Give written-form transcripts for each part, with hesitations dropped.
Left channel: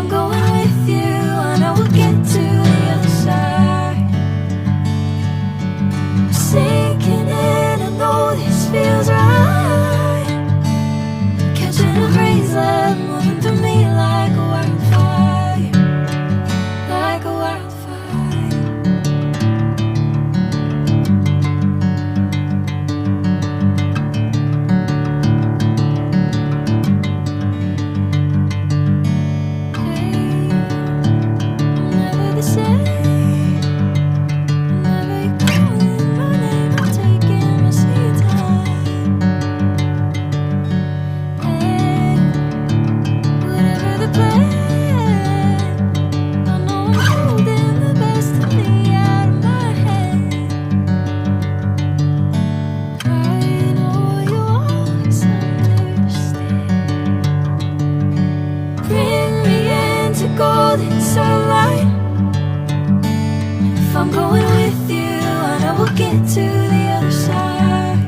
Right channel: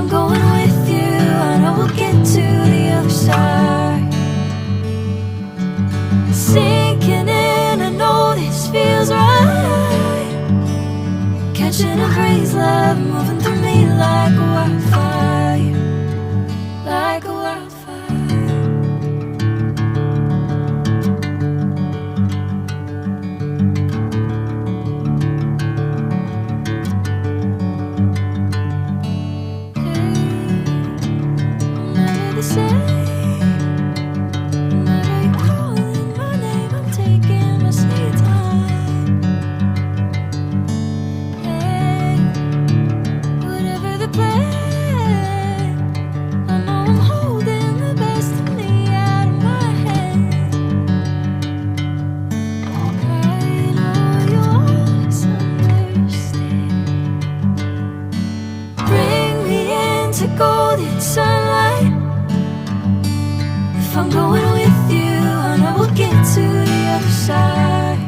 I'm going with you, I know we'll get to the other side. Sinking in, I know this feels right. Catching a breeze, love moving through me like a wildfire, like a wildfire. Hey, I'm never the same. Whenever you're calling my name, I'm taking my sweet time. Hey, whatever the plan, I know I'm holding the best of me out of my hand. I know you always understand. Bring me into golden sunlight. If I'm going with you, I know we'll get to the other side.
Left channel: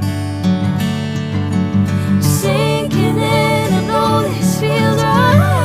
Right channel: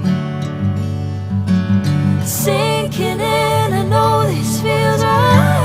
Sinking in, I know this feels right.